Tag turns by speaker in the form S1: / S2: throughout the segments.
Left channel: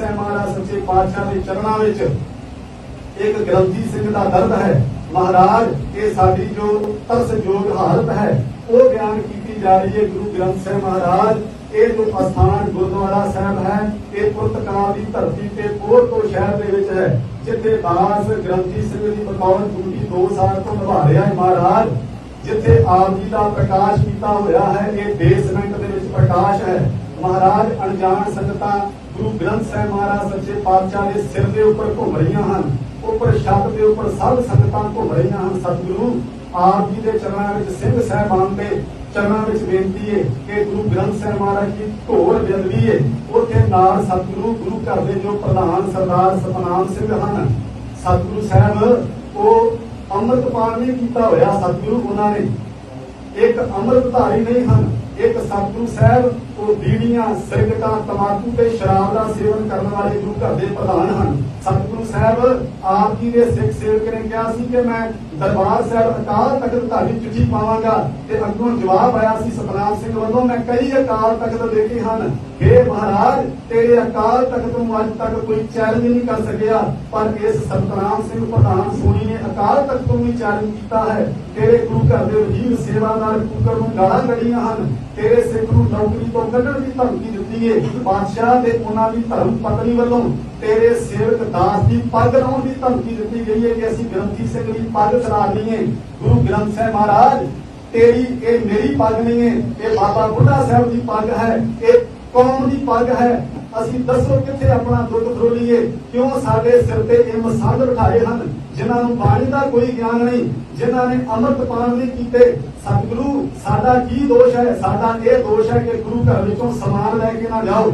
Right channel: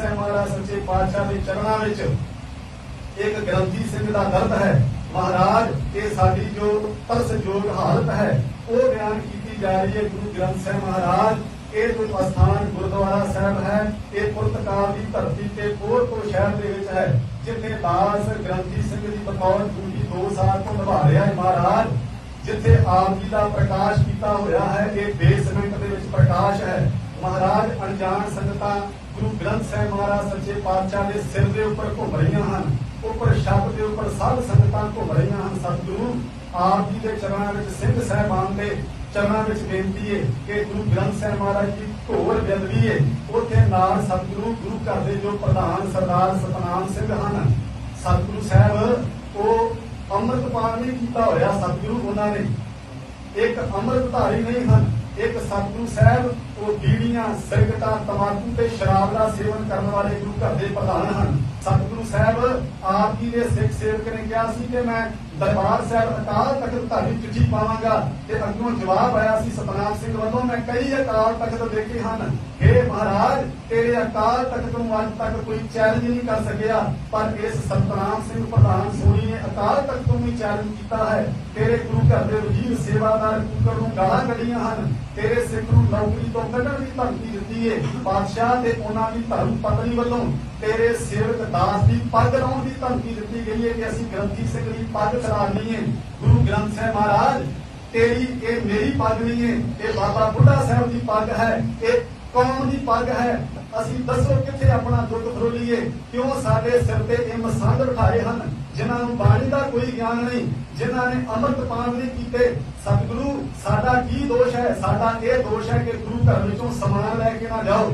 S1: ਸਾਹਿਬ ਮਹਾਰਾਜ ਸੱਚੇ ਪਾਤਸ਼ਾਹ ਦੇ ਚਰਨਾਂ ਵਿੱਚ ਇੱਕ ਗ੍ਰੰਥੀ ਸਿੰਘ ਦਾ ਦਰਦ ਹੈ। ਮਹਾਰਾਜ, ਇਹ ਸਾਡੀ ਜੋ ਤਰਸਯੋਗ ਹਾਲਤ ਹੈ, ਉਹ ਬਿਆਨ ਕੀਤੀ ਜਾ ਰਹੀ ਹੈ ਗੁਰੂ ਗ੍ਰੰਥ ਸਾਹਿਬ ਮਹਾਰਾਜ। ਇਹ ਜੋ ਅਸਥਾਨ ਗੁਰਦੁਆਰਾ ਸਾਹਿਬ ਹੈ, ਇਹ ਪੁਰਤਗਾਲ ਦੀ ਧਰਤੀ ਤੇ ਪੋਰਟੋ ਸ਼ਹਿਰ ਦੇ ਵਿੱਚ ਹੈ, ਜਿੱਥੇ ਦਾਸ ਗ੍ਰੰਥੀ ਸਿੰਘ ਜੀ ਬਤੌਰ ਡਿਊਟੀ 2 ਸਾਲ ਤੋਂ ਨਿਭਾ ਰਿਹਾ ਹੈ। ਮਹਾਰਾਜ, ਜਿੱਥੇ ਆਪ ਜੀ ਦਾ ਪ੍ਰਕਾਸ਼ ਕੀਤਾ ਹੋਇਆ ਹੈ, ਇਹ ਬੇਸਮੈਂਟ ਦੇ ਵਿੱਚ ਪ੍ਰਕਾਸ਼ ਹੈ। ਮਹਾਰਾਜ, ਅਣਜਾਣ ਸੰਗਤਾਂ ਗੁਰੂ ਗ੍ਰੰਥ ਸਾਹਿਬ ਮਹਾਰਾਜ ਸੱਚੇ ਪਾਤਸ਼ਾਹ ਦੇ ਸਿਰ ਦੇ ਉੱਪਰ ਘੁੰਮ ਰਹੀਆਂ ਹਨ, ਉੱਪਰ ਛੱਤ ਦੇ ਉੱਪਰ ਸਭ ਸੰਗਤਾਂ ਘੁੰਮ ਰਹੀਆਂ ਹਨ, ਸਤਿਗੁਰੂ, ਆਪ ਜੀ ਦੇ ਚਰਨਾਂ ਵਿੱਚ, ਸਿੰਘ ਸਾਹਿਬਾਨ ਦੇ ਚਰਨਾਂ ਵਿੱਚ ਬੇਨਤੀ ਹੈ ਕਿ ਗੁਰੂ ਗ੍ਰੰਥ ਸਾਹਿਬ ਮਹਾਰਾਜ ਜੀ ਢੋਲ ਜਲਦੀ ਹੈ ਉੱਥੇ ਨਾਲ ਸਤਿਗੁਰੂ, ਗੁਰੂ ਘਰ ਦੇ ਜੋ ਪ੍ਰਧਾਨ ਸਰਦਾਰ ਸਤਨਾਮ ਸਿੰਘ ਹਨ, ਸਤਿਗੁਰੂ ਸਾਹਿਬ, ਉਹ ਅੰਮ੍ਰਿਤਪਾਲ ਨਹੀਂ ਕੀਤਾ ਹੋਇਆ ਸਤਿਗੁਰੂ ਉਹਨਾਂ ਨੇ। ਇੱਕ ਅੰਮ੍ਰਿਤਧਾਰੀ ਨਹੀਂ ਹਨ ਇੱਕ ਸਤਿਗੁਰੂ ਸਾਹਿਬ, ਉਹ ਬੀੜੀਆਂ ਸਿਗਰਟਾਂ ਤਮਾਕੂ ਤੇ ਸ਼ਰਾਬ ਦਾ ਸੇਵਨ ਕਰਨ ਵਾਲੇ ਗੁਰੂ ਘਰ ਦੇ ਪ੍ਰਧਾਨ ਹਨ। ਸਤਿਗੁਰੂ ਸਾਹਿਬ, ਆਪ ਜੀ ਦੇ ਸਿੱਖ ਸੇਵਕ ਨੇ ਕਿਹਾ ਸੀ ਕਿ ਮੈਂ ਦਰਬਾਰ ਸਾਹਿਬ ਅਕਾਲ ਤਖਤ ਧਾਰੀ ਚਿੱਠੀ ਪਾਵਾਂਗਾ ਤੇ ਅੱਗੋਂ ਜਵਾਬ ਆਇਆ ਸੀ ਸਤਨਾਮ ਸਿੰਘ ਵੱਲੋਂ, ਮੈਂ ਕਈ ਅਕਾਲ ਤਖਤ ਦੇਖੇ ਹਨ। हे ਮਹਾਰਾਜ, ਤੇਰੇ ਅਕਾਲ ਤਖਤ ਨੂੰ ਅੱਜ ਤੱਕ ਕੋਈ ਚੈਲੰਜ ਨਹੀਂ ਕਰ ਸਕਿਆ, ਪਰ ਇਸ ਸਤਨਾਮ ਸਿੰਘ ਪ੍ਰਧਾਨ ਸੋਣੀ ਨੇ ਅਕਾਲ ਤਖਤ ਨੂੰ ਵੀ ਚੈਲੰਜ ਕੀਤਾ ਹੈ। ਤੇਰੇ ਗੁਰੂ ਘਰ ਦੇ ਵਜ਼ੀਰ ਸੇਵਾਦਾਰ ਕੁਕਰ ਨੂੰ ਗਾਲਾਂ ਕੱਢੀਆਂ ਹਨ। ਤੇਰੇ ਸਿੱਖ ਨੂੰ ਨੌਕਰੀ ਤੋਂ ਕੱਢਣ ਦੀ ਧਮਕੀ ਦਿੱਤੀ ਹੈ ਬਾਦਸ਼ਾਹ ਤੇ ਉਹਨਾਂ ਦੀ ਧਰਮ ਪਤਨੀ ਵੱਲੋਂ ਤੇਰੇ ਸੇਵਕ ਦਾਸ ਦੀ ਪੱਗ ਲਾਉਣ ਦੀ ਧਮਕੀ ਦਿੱਤੀ ਗਈ ਹੈ ਕਿ ਅਸੀਂ ਗ੍ਰੰਥੀ ਸਿੰਘ ਦੀ ਪੱਗ ਚੜਾਉਣੀ ਹੈ ਗੁਰੂ ਗ੍ਰੰਥ ਸਾਹਿਬ ਮਹਾਰਾਜ, ਤੇਰੀ, ਇਹ ਮੇਰੀ ਪੱਗ ਨਹੀਂ ਹੈ ਇਹ ਬਾਬਾ ਬੁੱਢਾ ਸਾਹਿਬ ਦੀ ਪੱਗ ਹੈ, ਇਹ ਕੌਮ ਦੀ ਪੱਗ ਹੈ। ਅਸੀਂ ਦੱਸੋ ਕਿੱਥੇ ਆਪਣਾ ਦੁੱਧ ਫਰੋਲੀਏ? ਕਿਉਂ ਸਾਡੇ ਸਿਰ ਤੇ ਇਹ ਮਸਾਲ ਉਠਾਏ ਹਨ? ਜਿਨ੍ਹਾਂ ਨੂੰ ਬਾਣੀ ਦਾ ਕੋਈ ਗਿਆਨ ਨਹੀਂ, ਜਿਨ੍ਹਾਂ ਨੇ ਅੰਮ੍ਰਿਤ ਪਾਨ ਨਹੀਂ ਕੀਤੇ। ਸਤਿਗੁਰੂ, ਸਾਡਾ ਕੀ ਦੋਸ਼ ਹੈ? ਸਾਡਾ ਇਹ ਦੋਸ਼ ਹੈ ਕਿ ਗੁਰੂ ਘਰ ਵਿੱਚੋਂ ਸਮਾਨ ਲੈ ਕੇ ਨਾ ਜਾਓ।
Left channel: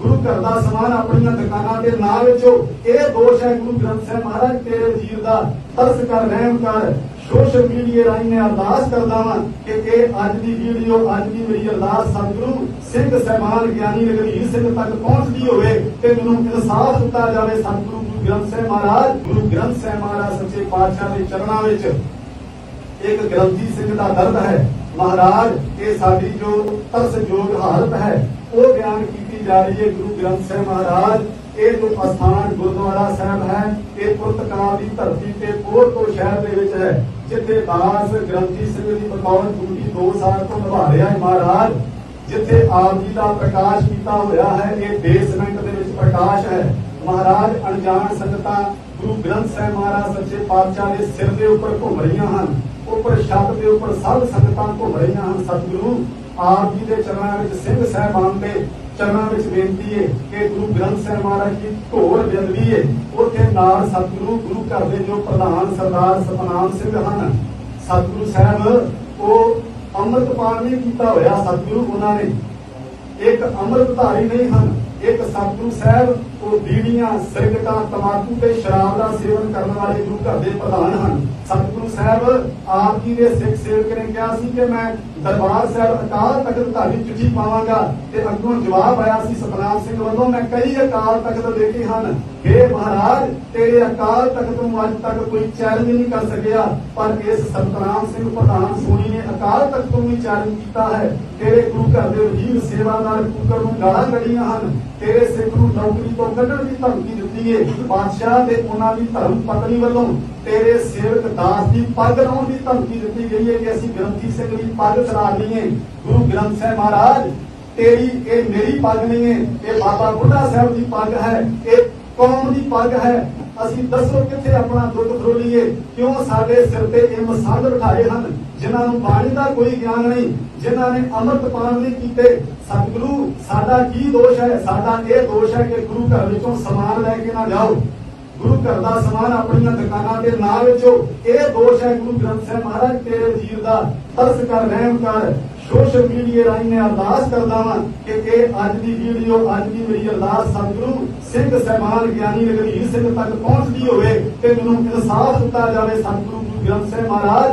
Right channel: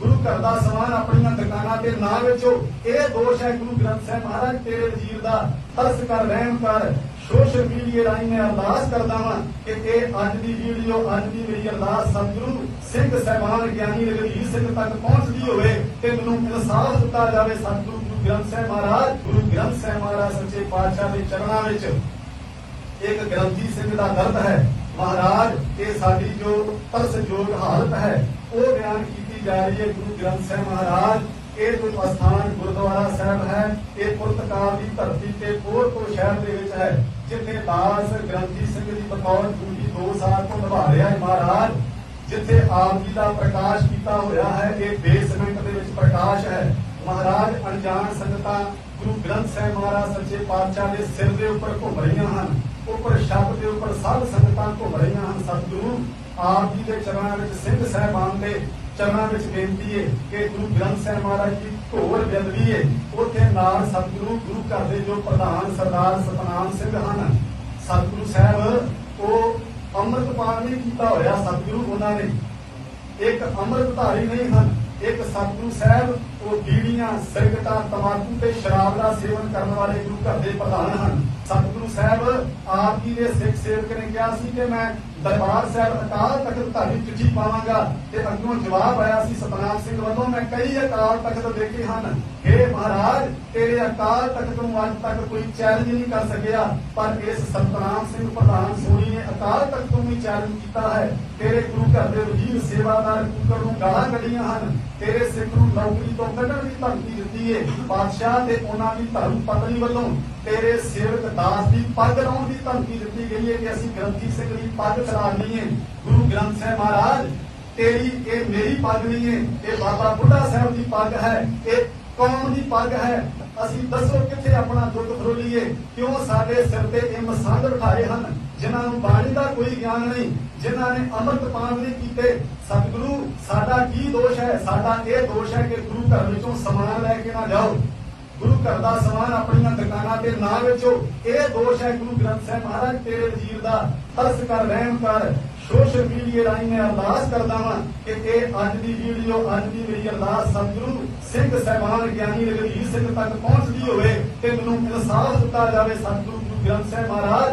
S1: ਗੁਰੂ ਘਰ ਦਾ ਸਮਾਨ ਆਪਣੀਆਂ ਦੁਕਾਨਾਂ ਤੇ ਨਾ ਵੇਚੋ। ਇਹ ਦੋਸ਼ ਹੈ ਗੁਰੂ ਗ੍ਰੰਥ ਸਾਹਿਬ ਮਹਾਰਾਜ, ਤੇਰੇ ਵੀਰ ਦਾ ਤਰਸ ਕਰ, ਰਹਿਮ ਕਰ। ਸੋਸ਼ਲ ਮੀਡੀਆ ਰਾਹੀਂ ਮੈਂ ਅਰਦਾਸ ਕਰਦਾ ਵਾਂ ਕਿ ਇਹ ਅੱਜ ਦੀ ਵੀਡੀਓ, ਅੱਜ ਦੀ ਮੇਰੀ ਅਰਦਾਸ ਸਤਿਗੁਰੂ ਸਿੰਘ ਸਹਿਬਾਨ, ਗਿਆਨੀ ਰਗਵੀਰ ਸਿੰਘ ਤੱਕ ਪਹੁੰਚਦੀ ਹੋਵੇ ਤੇ ਮੈਨੂੰ ਇਨਸਾਫ ਦਿੱਤਾ ਜਾਵੇ ਸਤਿਗੁਰੂ ਗੁਰੂ ਗ੍ਰੰਥ ਸਾਹਿਬ ਮਹਾਰਾਜ। ਗੁਰੂ ਗ੍ਰੰਥ ਸਾਹਿਬ ਮਹਾਰਾਜ ਸੱਚੇ ਪਾਤਸ਼ਾਹ ਦੇ ਚਰਨਾਂ ਵਿੱਚ ਇੱਕ ਗ੍ਰੰਥੀ ਸਿੰਘ ਦਾ ਦਰਦ ਹੈ। ਮਹਾਰਾਜ, ਇਹ ਸਾਡੀ ਜੋ ਤਰਸਯੋਗ ਹਾਲਤ ਹੈ, ਉਹ ਬਿਆਨ ਜਾ ਰਹੀ ਹੈ ਗੁਰੂ ਗ੍ਰੰਥ ਸਾਹਿਬ ਮਹਾਰਾਜ, ਇਹ ਜੋ ਅਸਥਾਨ ਗੁਰਦੁਆਰਾ ਸਾਹਿਬ ਹੈ, ਇਹ ਪੁਰਤਗਾਲ ਦੀ ਧਰਤੀ ਤੇ ਪੋਰਟੋ ਸ਼ਹਿਰ ਦੇ ਵਿੱਚ ਹੈ, ਜਿੱਥੇ ਦਾਸ ਗ੍ਰੰਥੀ ਸਿੰਘ ਜੀ ਬਤੌਰ ਡਿਊਟੀ 2 ਸਾਲ ਤੋਂ ਨਿਭਾ ਰਿਹਾ ਹੈ ਮਹਾਰਾਜ, ਜਿੱਥੇ ਆਪ ਜੀ ਦਾ ਪ੍ਰਕਾਸ਼ ਕੀਤਾ ਹੋਇਆ ਹੈ, ਇਹ ਬੇਸਮੈਂਟ ਦੇ ਵਿੱਚ ਪ੍ਰਕਾਸ਼ ਹੈ। ਮਹਾਰਾਜ, ਅਣਜਾਣ ਸੰਗਤਾਂ ਗੁਰੂ ਗ੍ਰੰਥ ਸਾਹਿਬ ਮਹਾਰਾਜ ਸੱਚੇ ਪਾਤਸ਼ਾਹ ਦੇ ਸਿਰ ਦੇ ਉੱਪਰ ਘੁੰਮ ਰਹੀਆਂ ਹਨ, ਉੱਪਰ ਛੱਤ ਦੇ ਉੱਪਰ ਸਭ ਸੰਗਤਾਂ ਘੁੰਮ ਰਹੀਆਂ ਹਨ, ਸਤਿਗੁਰੂ। ਆਪ ਜੀ ਦੇ ਚਰਨਾਂ ਵਿੱਚ ਸਿੰਘ ਸਾਹਿਬਾਨ ਦੇ ਚਰਨਾਂ ਵਿੱਚ ਬੇਨਤੀ ਹੈ ਕਿ ਗੁਰੂ ਗ੍ਰੰਥ ਸਾਹਿਬ ਮਹਾਰਾਜ ਜੀ ਢੋਲ ਜਲਦੀ ਹੈ। ਉੱਥੇ ਨਾਲ ਸਤਿਗੁਰੂ ਗੁਰੂ ਘਰ ਦੇ ਜੋ ਪ੍ਰਧਾਨ ਸਰਦਾਰ ਸਤਨਾਮ ਸਿੰਘ ਹਨ, ਸਤਿਗੁਰੂ ਸਾਹਿਬ, ਉਹ ਅੰਮ੍ਰਿਤਪਾਨ ਨਹੀਂ ਕੀਤਾ ਹੋਇਆ ਸਤਿਗੁਰੂ ਉਹਨਾਂ ਨੇ। ਇੱਕ ਅੰਮ੍ਰਿਤਧਾਰੀ ਨਹੀਂ ਹਨ, ਇੱਕ ਸਤਿਗੁਰੂ ਸਾਹਿਬ, ਉਹ ਬੀੜੀਆਂ ਸਿਗਰਟਾਂ ਤਮਾਕੂ ਤੇ ਸ਼ਰਾਬ ਦਾ ਸੇਵਨ ਕਰਨ ਵਾਲੇ ਗੁਰੂ ਘਰ ਦੇ ਪ੍ਰਧਾਨ ਹਨ। ਸਤਿਗੁਰੂ ਸਾਹਿਬ, ਆਪ ਜੀ ਦੇ ਸਿੱਖ ਸੇਵਕ ਨੇ ਕਿਹਾ ਸੀ ਕਿ ਮੈਂ ਦਰਬਾਰ ਸਾਹਿਬ ਅਕਾਲ ਤਖਤ ਧਾਰੀ ਚਿੱਠੀ ਪਾਵਾਂਗਾ ਤੇ ਅੱਗੋਂ ਜਵਾਬ ਆਇਆ ਸੀ, ਸਤਨਾਮ ਸਿੰਘ ਵੱਲੋਂ, ਮੈਂ ਕਈ ਅਕਾਲ ਤਖਤ ਦੇਖੇ ਹਨ। हे ਮਹਾਰਾਜ, ਤੇਰੇ ਅਕਾਲ ਤਖਤ ਨੂੰ ਅੱਜ ਤੱਕ ਕੋਈ ਚੈਲੰਜ ਨਹੀਂ ਕਰ ਸਕਿਆ। ਪਰ ਇਸ ਸਤਨਾਮ ਸਿੰਘ ਪ੍ਰਧਾਨ ਸੋਣੀ ਨੇ ਅਕਾਲ ਤਖਤ ਨੂੰ ਚੈਲੰਜ ਕੀਤਾ ਹੈ। ਤੇਰੇ ਗੁਰੂ ਘਰ ਦੇ ਵਜ਼ੀਰ ਸੇਵਾਦਾਰ ਕੁਕਰ ਨੂੰ ਗਾਲਾਂ ਕੱਢੀਆਂ ਹਨ। ਤੇਰੇ ਸਿੱਖ ਨੂੰ ਨੌਕਰੀ ਤੋਂ ਕੱਢਣ ਦੀ ਧਮਕੀ ਦਿੱਤੀ ਹੈ ਪਾਤਸ਼ਾਹ ਤੇ ਉਹਨਾਂ ਦੀ ਧਰਮ ਪਤਨੀ ਵੱਲੋਂ ਤੇਰੇ ਸੇਵਕ ਦਾਸ ਦੀ ਪੱਗ ਲਾਉਣ ਦੀ ਧਮਕੀ ਦਿੱਤੀ ਗਈ ਹੈ ਕਿ ਅਸੀਂ ਗ੍ਰੰਥੀ ਸਿੰਘ ਵੀ ਪੱਗ ਚੜਾਉਣੀ ਹੈ। ਗੁਰੂ ਗ੍ਰੰਥ ਸਾਹਿਬ ਮਹਾਰਾਜ, ਤੇਰੀ, ਇਹ ਮੇਰੀ ਪੱਗ ਨਹੀਂ ਹੈ। ਇਹ ਬਾਬਾ ਬੁੱਢਾ ਸਾਹਿਬ ਦੀ ਪੱਗ ਹੈ। ਇਹ ਕੌਮ ਦੀ ਪੱਗ ਹੈ। ਅਸੀਂ ਦੱਸੋ ਕਿੱਥੇ ਆਪਣਾ ਦੁੱਧ ਫਰੋਲੀਏ ਕਿਉਂ ਸਾਡੇ ਸਿਰ ਤੇ ਇਹ ਮਸਾਲ ਉਠਾਏ ਹਨ? ਜਿਨ੍ਹਾਂ ਨੂੰ ਬਾਣੀ ਦਾ ਕੋਈ ਗਿਆਨ ਨਹੀਂ, ਜਿਨ੍ਹਾਂ ਨੇ ਅੰਮ੍ਰਿਤ ਪਾਨ ਨਹੀਂ ਕੀਤੇ। ਸਤਿਗੁਰੂ, ਸਾਡਾ ਕੀ ਦੋਸ਼ ਹੈ? ਸਾਡਾ ਇਹ ਦੋਸ਼ ਹੈ ਕਿ ਗੁਰੂ ਘਰ ਵਿੱਚੋਂ ਸਮਾਨ ਲੈ ਕੇ ਨਾ ਜਾਓ। ਗੁਰੂ ਘਰ ਦਾ ਸਮਾਨ ਆਪਣੀਆਂ ਦੁਕਾਨਾਂ ਤੇ ਨਾ ਵੇਚੋ। ਇਹ ਦੋਸ਼ ਹੈ ਗੁਰੂ ਗ੍ਰੰਥ ਸਾਹਿਬ ਮਹਾਰਾਜ ਤੇਰੇ ਵੀਰ ਦਾ ਤਰਸ ਕਰ, ਰਹਿਮ ਕਰ ਸੋਸ਼ਲ ਮੀਡੀਆ ਰਾਹੀਂ ਮੈਂ ਅਰਦਾਸ ਕਰਦਾ ਵਾਂ ਕਿ ਇਹ ਅੱਜ ਦੀ ਵੀਡੀਓ, ਅੱਜ ਦੀ ਮੇਰੀ ਅਰਦਾਸ ਸਤਿਗੁਰੂ, ਸਿੰਘ ਸਹਿਬਾਨ, ਗਿਆਨੀ ਰਗਵੀਰ ਸਿੰਘ ਤੱਕ ਪਹੁੰਚਦੀ ਹੋਵੇ ਤੇ ਮੈਨੂੰ ਇਨਸਾਫ ਦਿੱਤਾ ਜਾਵੇ ਸਤਿਗੁਰੂ ਗੁਰੂ ਗ੍ਰੰਥ ਸਾਹਿਬ ਮਹਾਰਾਜ।